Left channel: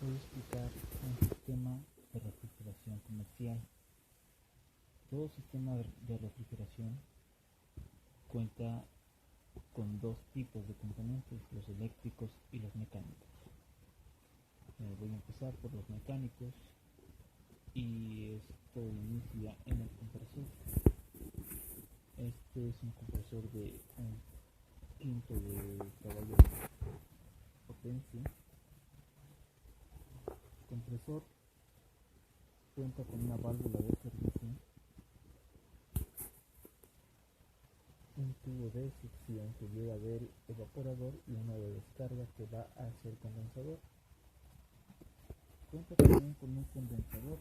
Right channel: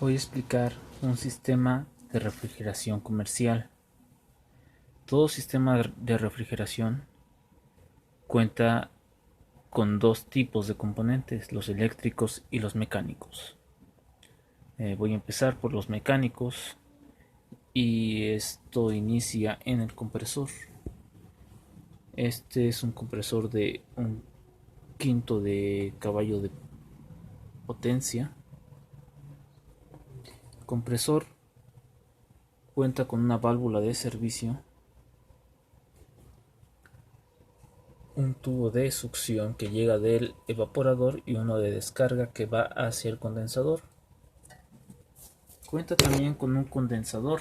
Voy a explicar un sistema de refrigeración comercial. Todo sistema de refrigeración cuenta con dos tipos de componentes, los eléctricos y los mecánicos. Voy a empezar por los mecánicos y esto inicia en el compresor. Este es un compresor de un quinto de caballo de potencia. El compresor cuenta con una válvula de servicio, un tubo de succión que llega del evaporador y uno de descarga que va hacia el condensador. Cuenta también con un condensador.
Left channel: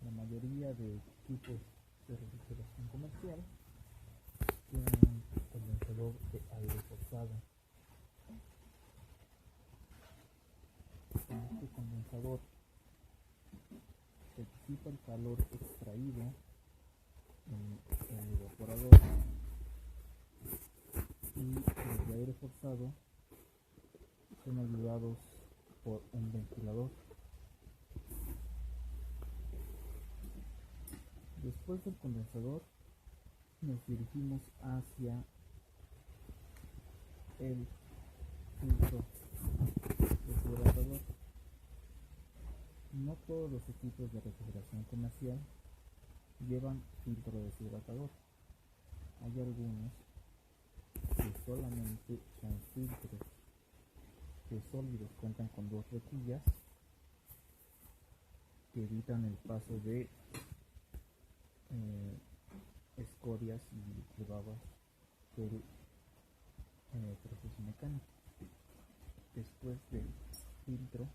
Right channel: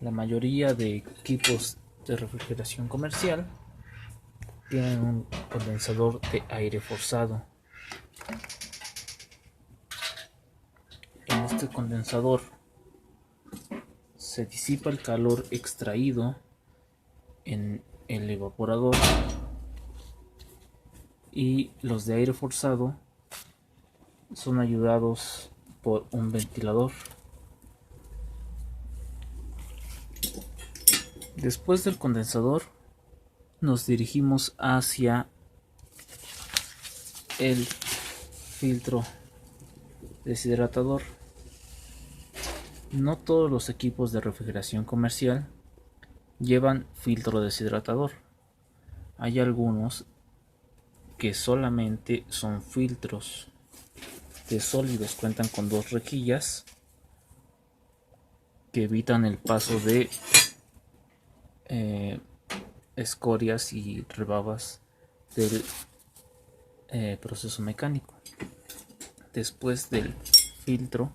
La mayoría de equipos de refrigeración comercial tienen un condensador de aire forzado. En este condensador se disipa el calor extraído en el evaporador y los de aire forzado son ayudados por un ventilador. Después del condensador nos dirigimos hacia el filtro deshidratador. No todos los equipos de refrigeración comercial llevan filtro deshidratador. Hay algunos que solamente son filtros de sólidos, cuentan con dos rejillas que evitan el paso de escorias y rebabas del proceso mecánico. Después del filtro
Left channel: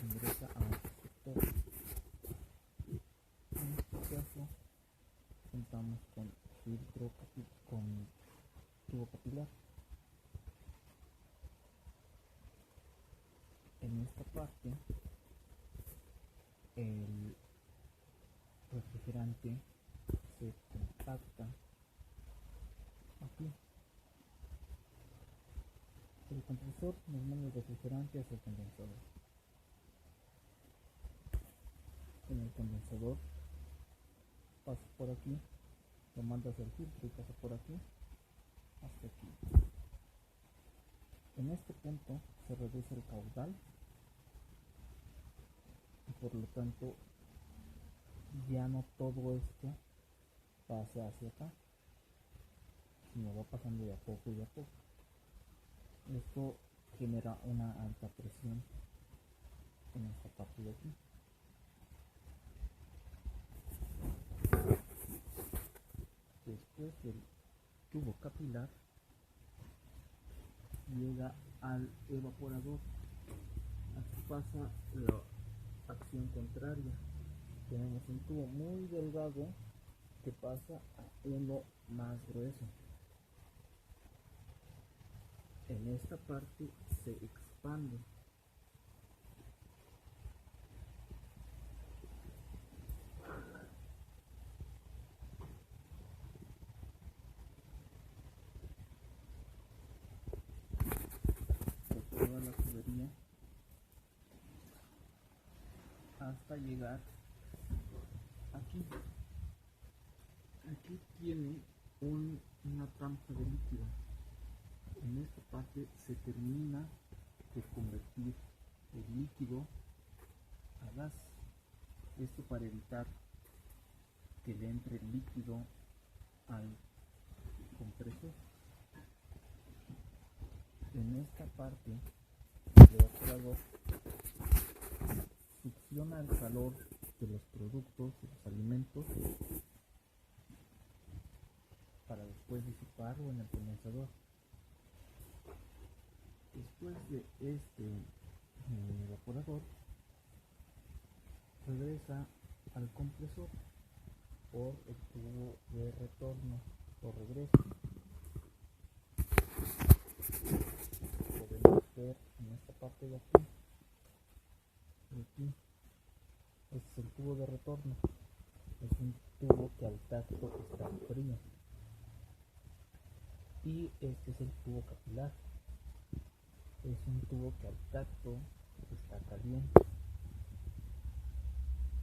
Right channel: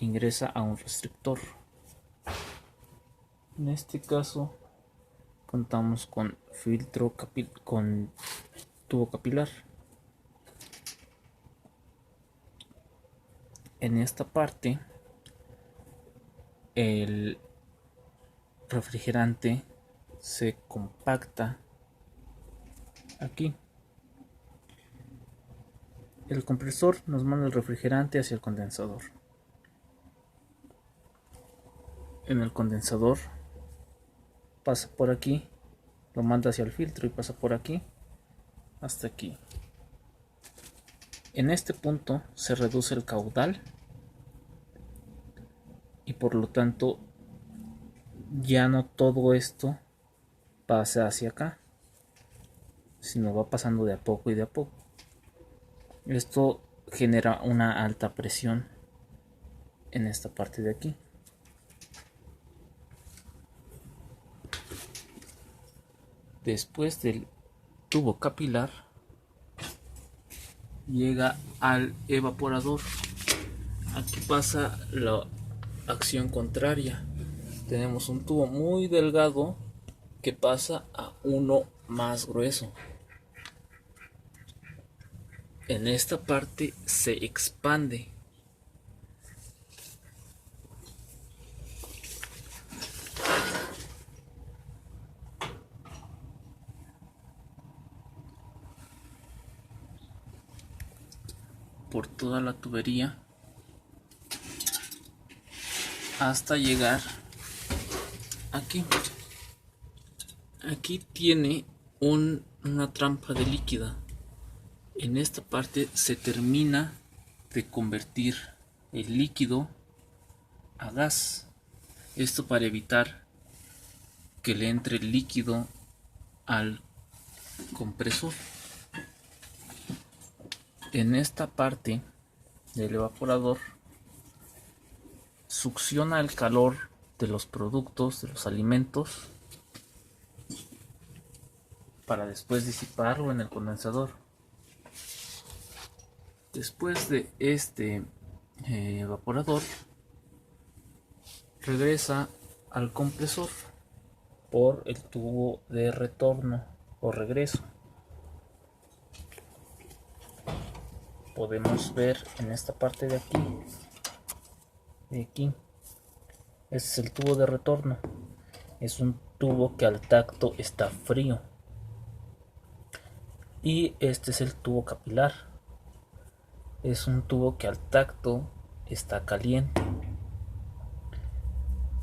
ingresa a un restrictor. En este caso contamos con con tubo capilar. En esta parte el refrigerante se compacta aquí. El compresor nos manda el refrigerante hacia el condensador. En el condensador pasa por aquí, lo manda hacia el filtro y pasa por aquí hasta aquí. En este punto se reduce el caudal y por lo tanto ya no todo esto pasa hacia acá, sino va pasando de a poco y de a poco. Esto genera una alta presión en esta parte de aquí. Después del tubo capilar llega al evaporador. Aquí pasa la acción contraria. Tenemos un tubo muy delgado que pasa a uno más grueso. En esta parte se expande. Por toda la tubería hasta llegar aquí. Aquí tiene una trampa de líquida. En esta parte se termina de convertir el líquido a gas. Esto para evitar que le entre el líquido al compresor. En esta parte el evaporador succiona el calor de los productos, de los alimentos, para después disiparlo en el condensador. Después de este evaporador regresa al compresor por el tubo de retorno o regreso. Podemos ver en esta parte de aquí, este es el tubo de retorno. Es un tubo que al tacto está frío. Y este es el tubo capilar. es un tubo que al tacto está caliente.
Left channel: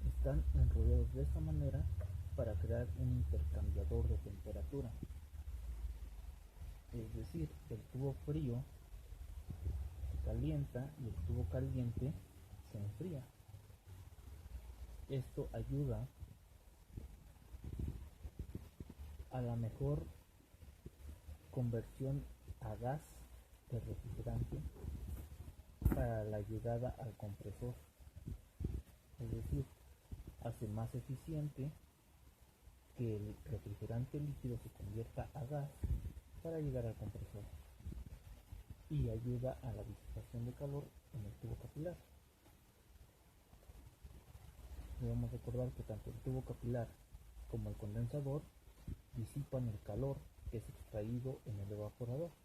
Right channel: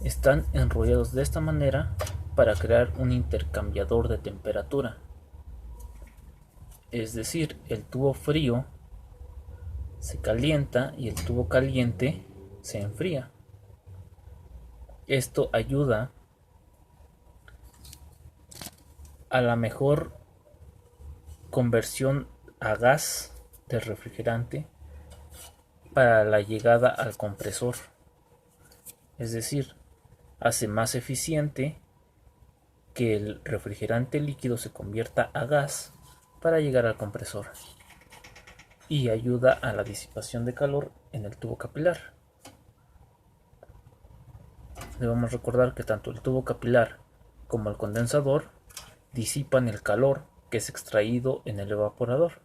Están enrollados de esta manera para crear un intercambiador de temperatura. Es decir, el tubo frío se calienta y el tubo caliente se enfría. Esto ayuda a la mejor conversión a gas del refrigerante para la llegada al compresor. Es decir, hace más eficiente que el refrigerante líquido se convierta a gas para llegar al compresor, y ayuda a la disipación de calor en el tubo capilar. Debemos recordar que tanto el tubo capilar como el condensador disipan el calor que es extraído en el evaporador.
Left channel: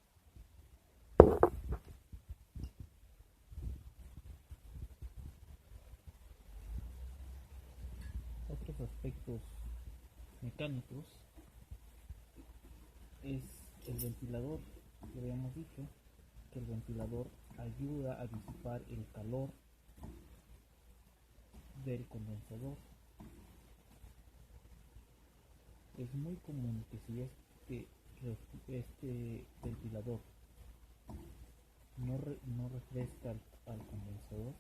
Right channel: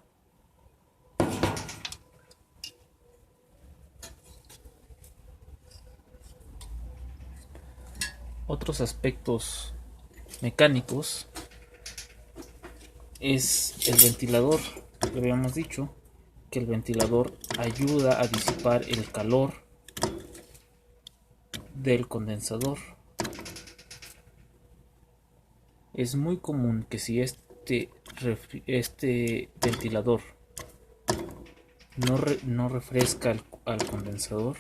Otros aspectos mecánicos es el ventilador. Ya habíamos dicho que el ventilador ayuda a disipar el calor del condensador. Es muy común que si este ventilador no refresca al condensador,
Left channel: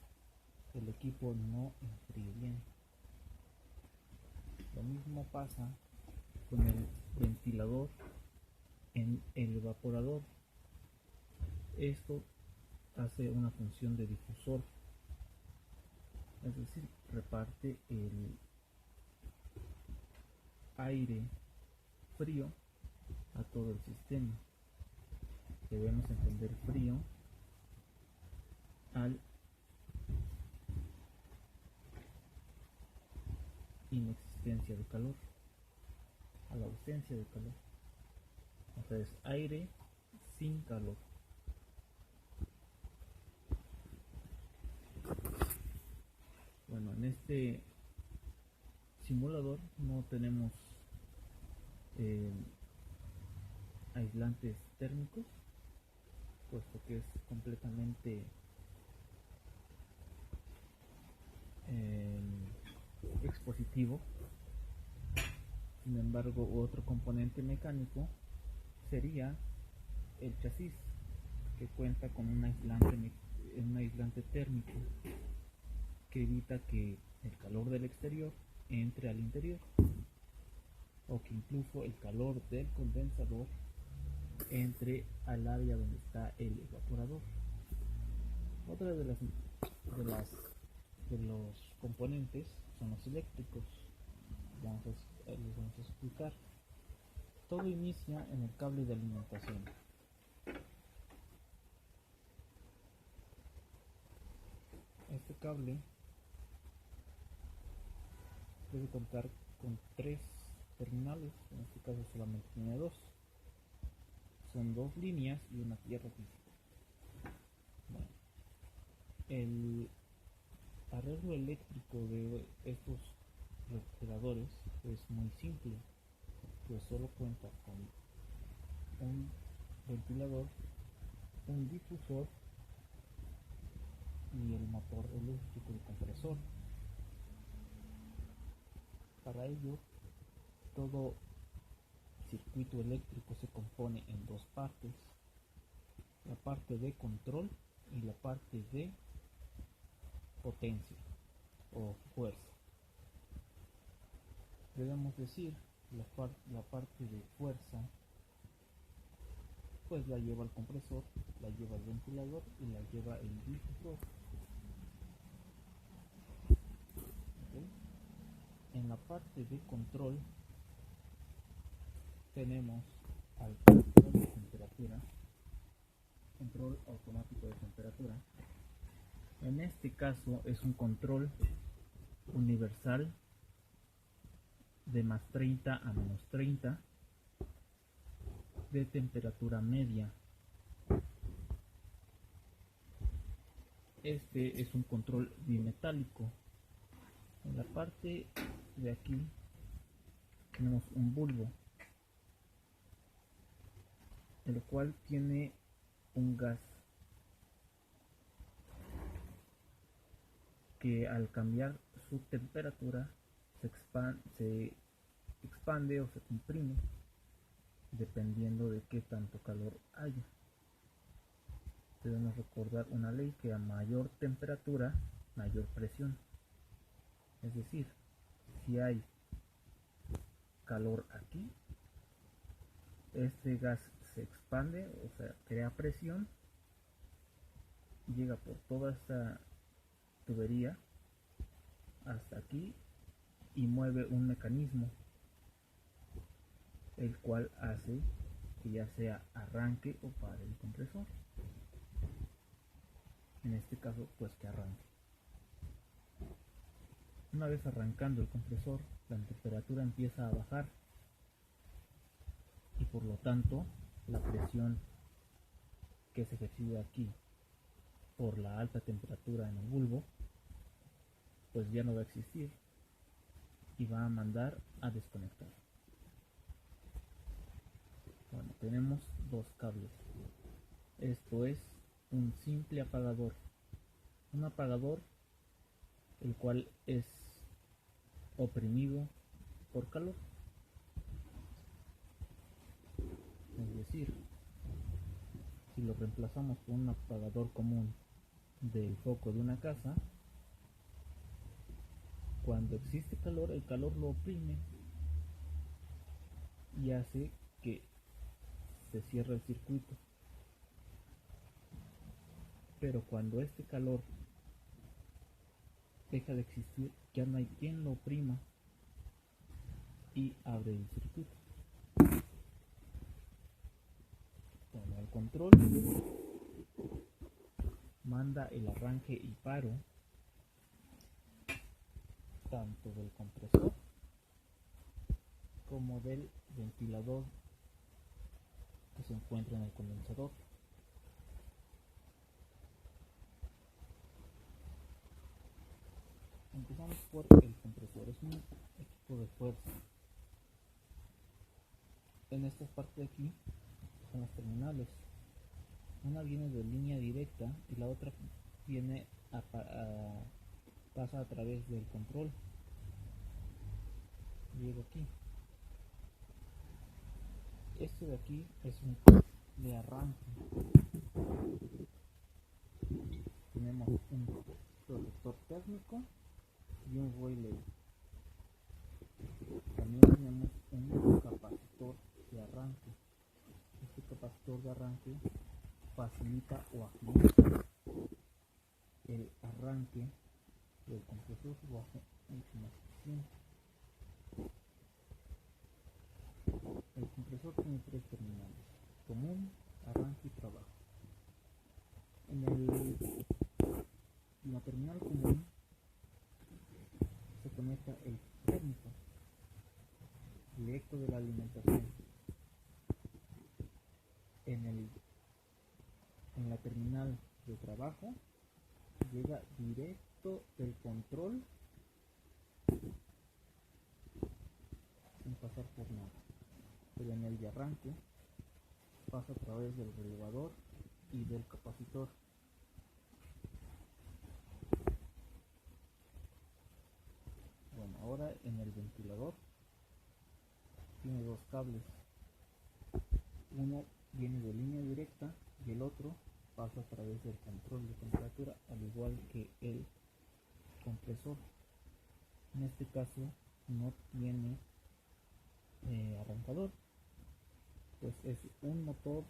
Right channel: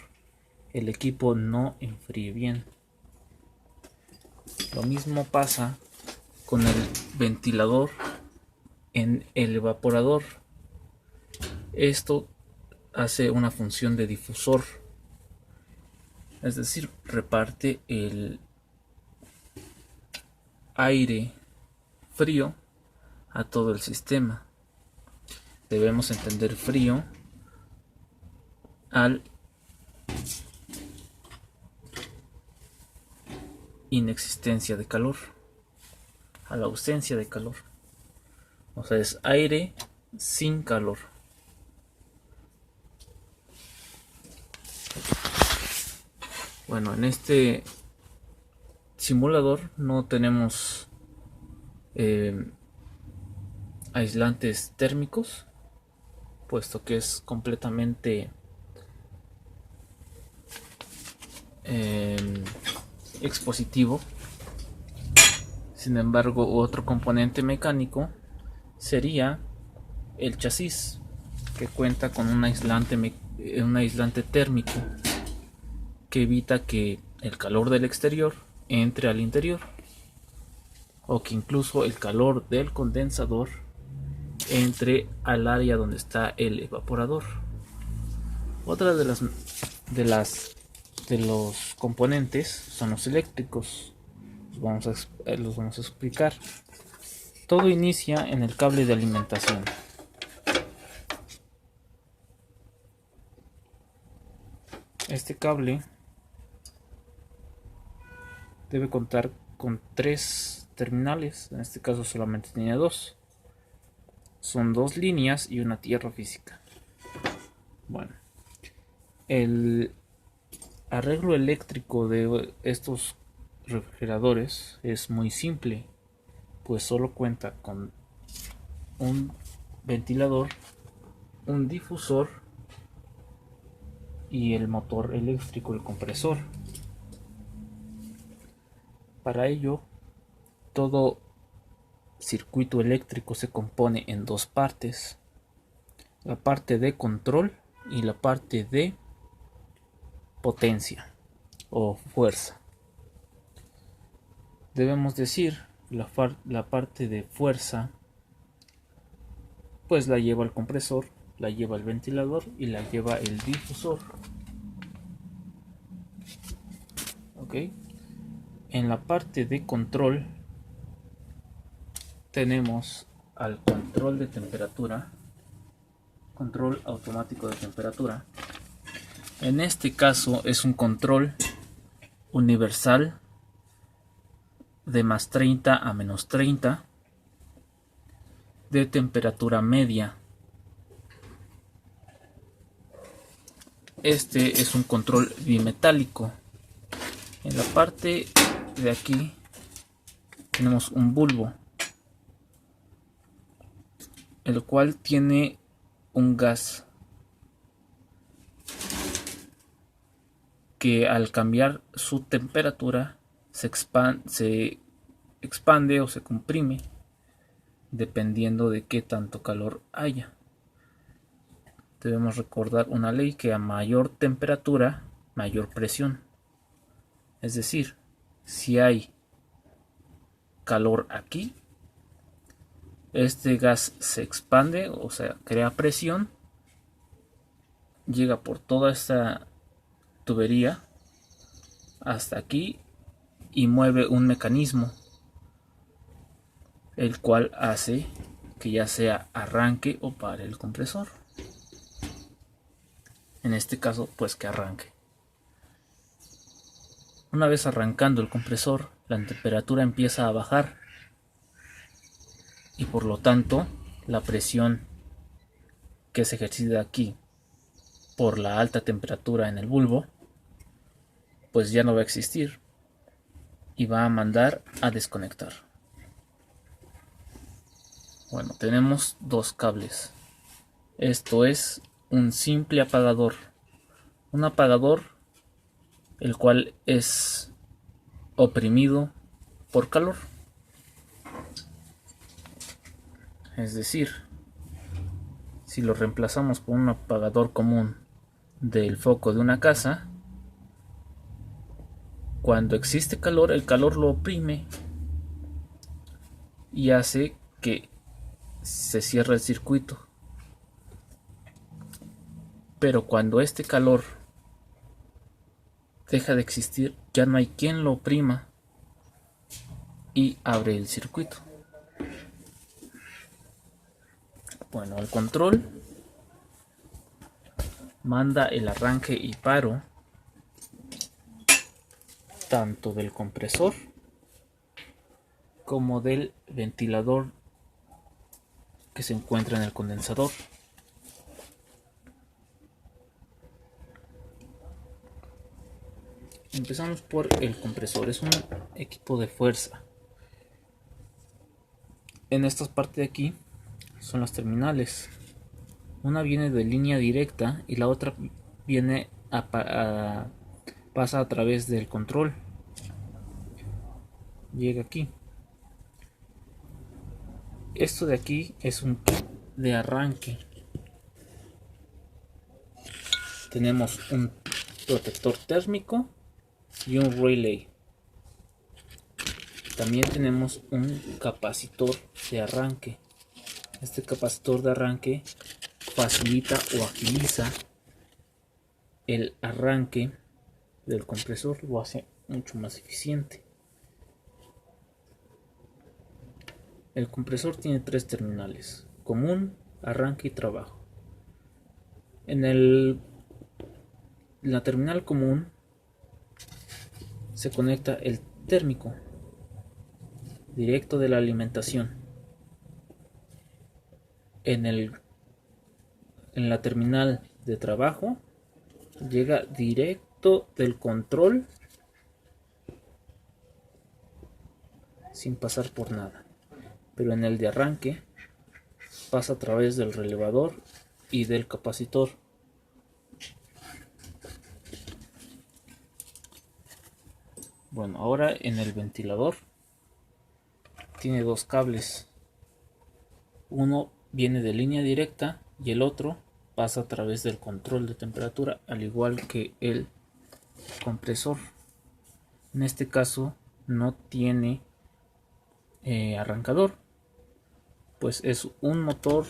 el equipo no enfríe bien. Lo mismo pasa con el ventilador en el evaporador. Esto hace una función de difusor, es decir, reparte el aire frío a todo el sistema. Debemos entender frío al inexistencia de calor, a la ausencia de calor. O sea, es aire sin calor. Bueno, en este simulador no tenemos aislantes térmicos, puesto que es completamente expositivo. Sin embargo, otro componente mecánico sería el chasis, que cuenta con un aislante térmico que evita que el calor del exterior entre al interior, o que incluso el calor del condensador entre al área donde está el evaporador. Otra de los componentes son los eléctricos. Los vamos a explicar. Todo inicia en el cable de alimentación. Este cable debe contar con 3 terminales. En este caso solamente tiene 2. Son 2 líneas y una tierra física. Bueno, el arreglo eléctrico de estos refrigeradores es muy simple, pues solo cuenta con un ventilador, un difusor y el motor eléctrico, el compresor. Para ello, todo circuito eléctrico se compone en 2 partes: la parte de control y la parte de potencia o fuerza. Debemos decir, la parte de fuerza pues la lleva el compresor, la lleva el ventilador y la lleva el difusor. ¿Ok? En la parte de control tenemos al control de temperatura, control automático de temperatura. En este caso es un control universal de más 30 a menos 30 de temperatura media. Este es un control bimetálico. En la parte de aquí tenemos un bulbo, el cual tiene un gas que al cambiar su temperatura se expande o se comprime dependiendo de qué tanto calor haya. Debemos recordar una ley que a mayor temperatura, mayor presión. Es decir, si hay calor aquí, este gas se expande, o sea, crea presión, llega por toda esta tubería hasta aquí y mueve un mecanismo, el cual hace que ya sea arranque o pare el compresor. En este caso, pues que arranque. Una vez arrancando el compresor, la temperatura empieza a bajar y por lo tanto la presión que se ejercita aquí por la alta temperatura en el bulbo pues ya no va a existir y va a mandar a desconectar. Bueno, tenemos dos cables. Esto es un simple apagador, un apagador el cual es oprimido por calor. Es decir, si lo reemplazamos por un apagador común del foco de una casa, cuando existe calor, el calor lo oprime y hace que se cierre el circuito. Pero cuando este calor deja de existir, ya no hay quien lo oprima y abre el circuito. Bueno, el control manda el arranque y paro tanto del compresor como del ventilador que se encuentra en el condensador. Empezamos por el compresor. Es un equipo de fuerza. En esta parte de aquí son las terminales. Una viene de línea directa y la otra viene pasa a través del control. Llega aquí. Esto de aquí es un kit de arranque. Tenemos un protector térmico y un relay. También tenemos un capacitor de arranque. Este capacitor de arranque facilita o agiliza el arranque del compresor, lo hace mucho más eficiente. El compresor tiene tres terminales: común, arranque y trabajo. En la terminal común se conecta el térmico directo de la alimentación. En la terminal de trabajo llega directo del control sin pasar por nada. Pero en el de arranque pasa a través del relevador y del capacitor. Bueno, ahora en el ventilador tiene dos cables. Uno viene de línea directa y el otro pasa a través del control de temperatura, al igual que el compresor. En este caso no tiene arrancador, pues es un motor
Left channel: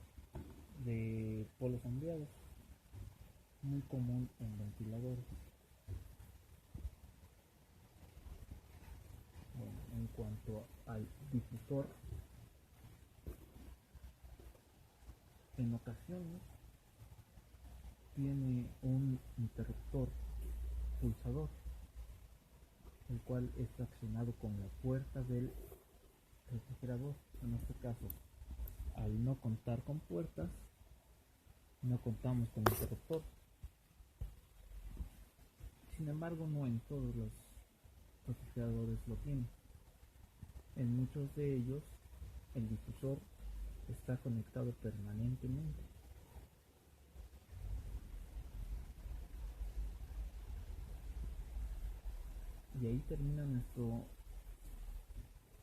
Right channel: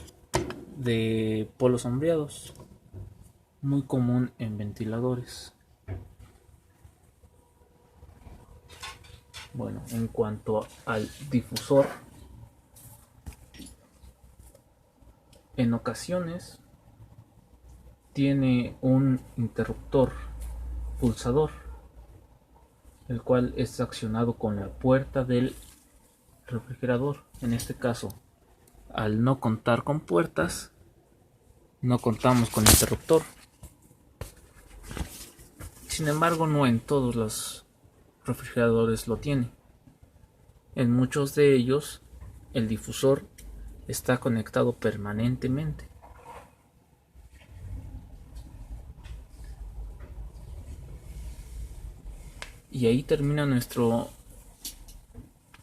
de polos sombreados, muy común en ventiladores. Bueno, en cuanto al difusor, en ocasiones tiene un interruptor pulsador, el cual es accionado con la puerta del refrigerador. En este caso, al no contar con puertas, no contamos con interruptor. Sin embargo, no en todos los refrigeradores lo tiene. En muchos de ellos, el difusor está conectado permanentemente. Y ahí termina nuestro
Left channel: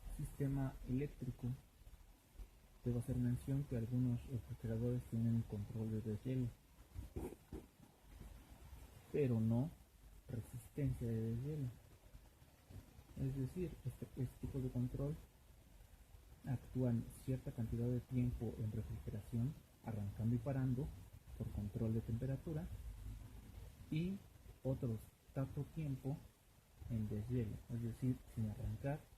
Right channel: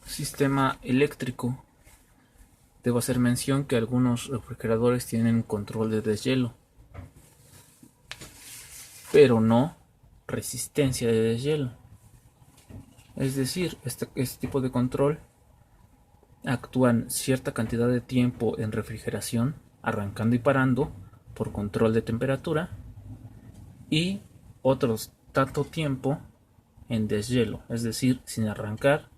sistema eléctrico. Debo hacer mención que algunos refrigeradores tienen control de deshielo, pero no resistencia de deshielo. Es decir, este tipo de control actúan cierta cantidad de tiempo en refrigeración, arrancando y parando por control de temperatura, y otros tanto tiempo en deshielo, es decir, sin arrancar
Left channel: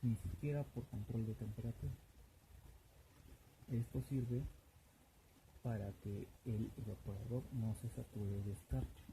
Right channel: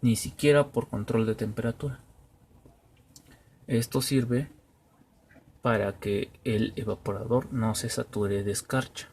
ni siquiera por control de temperatura. Esto sirve para que el evaporador no se sature de escarcha.